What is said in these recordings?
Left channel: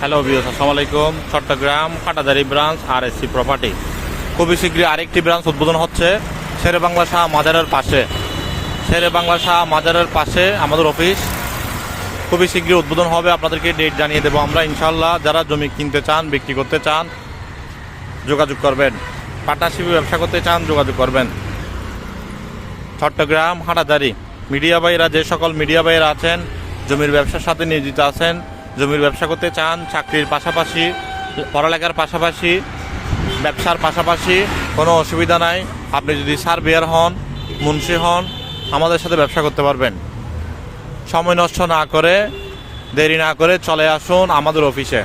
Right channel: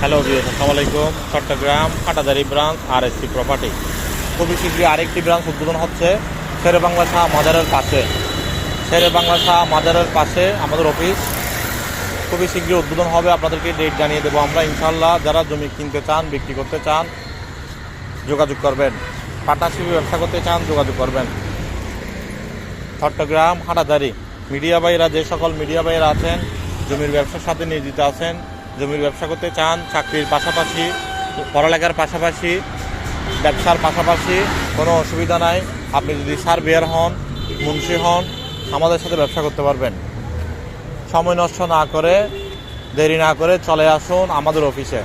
Hello views আসসালামু আলাইকুম। Chattogram Katadari branch আর এসসি প্রপার্টি খুবই শীঘ্রই আরেকটি ব্রাঞ্চ উদ্বোধন হচ্ছে শেরে বাংলা শাহ মাজারের পাশে। শেরে বাংলা শাহ মাজারের পাশে আমাদের অফিস খুবই শীঘ্রই উদ্বোধন হবে, আপনাদেরকে ডেট জানিয়ে দেবো আমরা। ইনশাল্লাহ যারা জমি কিনতে চান, বিক্রি করতে চান, যোগাযোগ করবেন। পার্টনারশিপে ব্যবসা করতে চান, যোগাযোগ করবেন। চট্টগ্রাম হাটাদারি মিডিয়া ভাইরা, যে সকল মিডিয়া ভাইরা আছেন, জমির ব্যবসার সাথে নিয়োজিত আছেন জমির ব্যবসা করতে চান, চাকরির পাশাপাশি, পড়ালেখার পাশাপাশি, ব্যবসার পাশাপাশি, কোনো অসুবিধা নাই। আপনি যদি সার্ভেয়ার হন, মুন্সি হন, আমাদের সাথে ব্যবসা করতে পারবেন। সময় নষ্ট না করে, দেরি না করে চলে আসুন আমাদের অফিসে।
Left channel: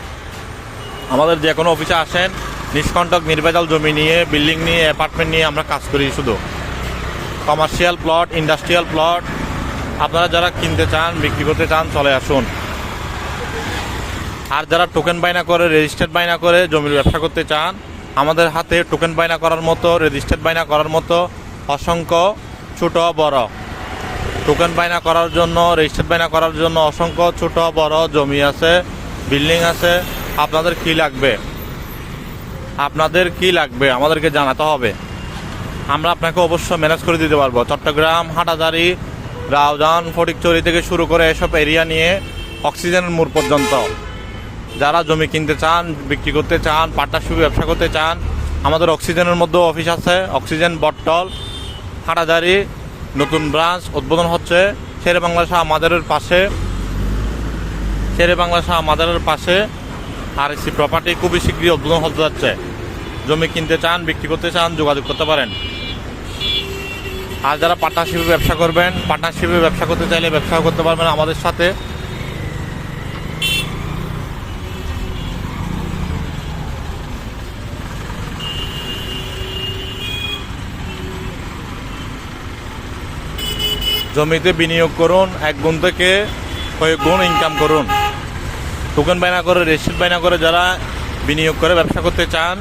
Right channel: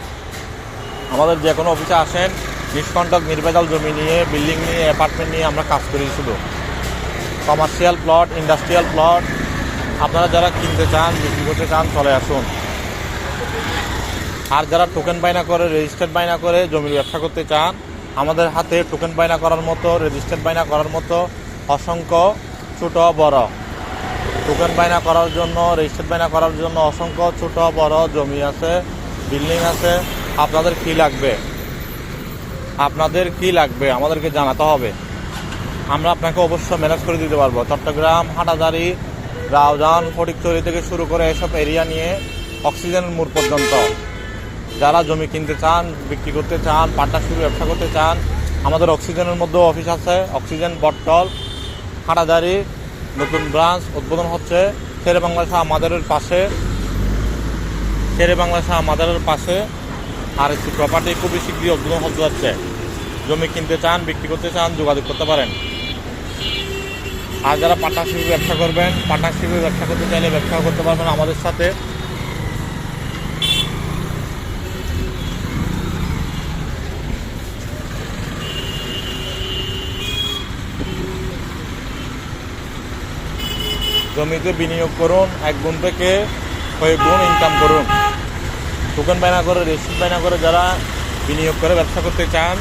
আমাদের যে কোনো অফিসে আসেন, নিষ্কণ্টক নির্ভেজাল জমি নিয়ে, বিল্ডিং নিয়ে, অ্যাপার্টমেন্ট নিয়ে আমরা কাজ করি শুধু। কমার্শিয়াল প্লট, ইন্ডাস্ট্রিয়াল প্লট, আপনারা যারা কিনতে চান, বিক্রি করতে চান, চলে আসুন। আর যারা টোকেন বাইনা করে রেজিস্টার্ড বাইনা করে, জমির ব্যবসা করতে চান, আমাদের হাতে টোকেন বাইনা করার মতো রেজিস্টার্ড বাইনা করার মতো অসংখ্য ছোট, বড়। টোকেন বাইনা করার জন্য রেজিস্টার্ড বাইনা করার জন্য অসংখ্য ছোট, বড় জমি আছে বিল্ডিং আছে। আপনাদের কি লাগবে? আপনাদের কি লাগবে? আমাদেরকে জানাতে হবে। আমরা আপনাকে অবশ্যই ম্যানেজ করে দিতে পারব। চট্টগ্রাম, হাটাদারি, রাউজান, ফটিকচুরি থেকে শুরু করে এসব এরিয়া নিয়ে অক্সিজেন মোড় পর্যন্ত। যারা জমি কিনতে চান, বিক্রি করতে চান পার্টনারশিপে ব্যবসা করতে চান, আমাদের অক্সিজেনের মধ্যেও অফিস আছে, অক্সিজেন বটল হাটাদারি নতুন ব্রাঞ্চ উদ্বোধন হচ্ছে, শেরে বাংলা শাহ মাদারের পাশে, শেরে বাংলা শাহ মাদারের পাশে আর এসি প্রপার্টি খুবই শীঘ্রই উদ্বোধন হতে যাচ্ছে। জমি কিনতে চান, বিক্রি করতে চান, যোগাযোগ করতে পারেন। আর যারা পার্টনারশিপে ব্যবসা করবেন পার্টনারশিপে ব্যবসা করতে চাইলে ব্যবসা করতে পারবেন আমাদের সাথে। জমিতে বিনিয়োগ করুন, এক গুণ থেকে কয়েক গুণ ইনকাম করুন। টোকেন বাইনা করে রেসিট বাইনা করে যারা বিনিয়োগ করে, ব্যবসা করতে চান,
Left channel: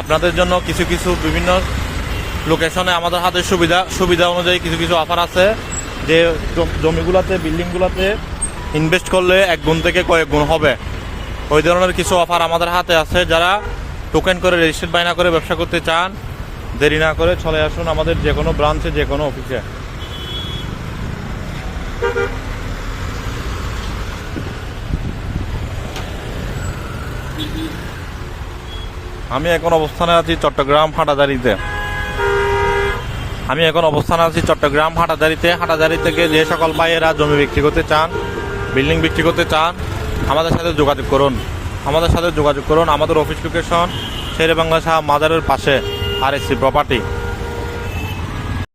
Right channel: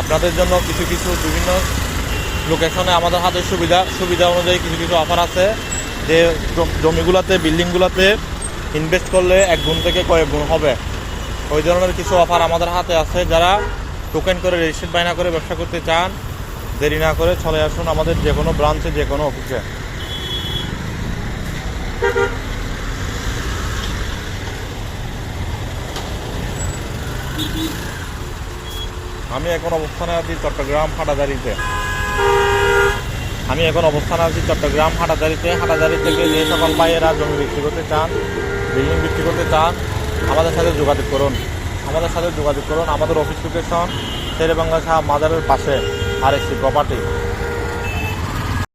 আপনাদের জন্য কিছু কিছু বিভিন্ন লোকেশনে আমাদের হাতে সুবিধা সুবিধা অনুযায়ী কিছু কিছু অফার আছে। যে জমিগুলোতে বিল্ডিংগুলোতে ইনভেস্ট করলে এক গুণ থেকে কয়েক গুণ হবে। ওই ধরনের কিছু অফার আমাদের হাতে আছে যারা টোকেন করে রেজিস্টার বাইনা করে ব্যবসা করতে চান, দেরি না করে চলে আসুন আমাদের যে কোনো ব্রাঞ্চে যে কোনো অফিসে আমি এখন অবস্থানে আছি চট্টগ্রাম হাটাদারিতে। আমি এখন অবস্থানে আছি চট্টগ্রাম হাটাদারিতে। হাটাদারি থেকে যে সকল ভাইয়েরা জমি বিক্রি করতে চান, বিল্ডিং বিক্রি করতে চান, আমাদের সাথে যোগাযোগ করুন। আমাদের সাথে যোগাযোগ করুন। আমাদের অফিস লোকেশন শেরে বাংলা শাহ মাজারের পাশে আর এসি প্রপার্টি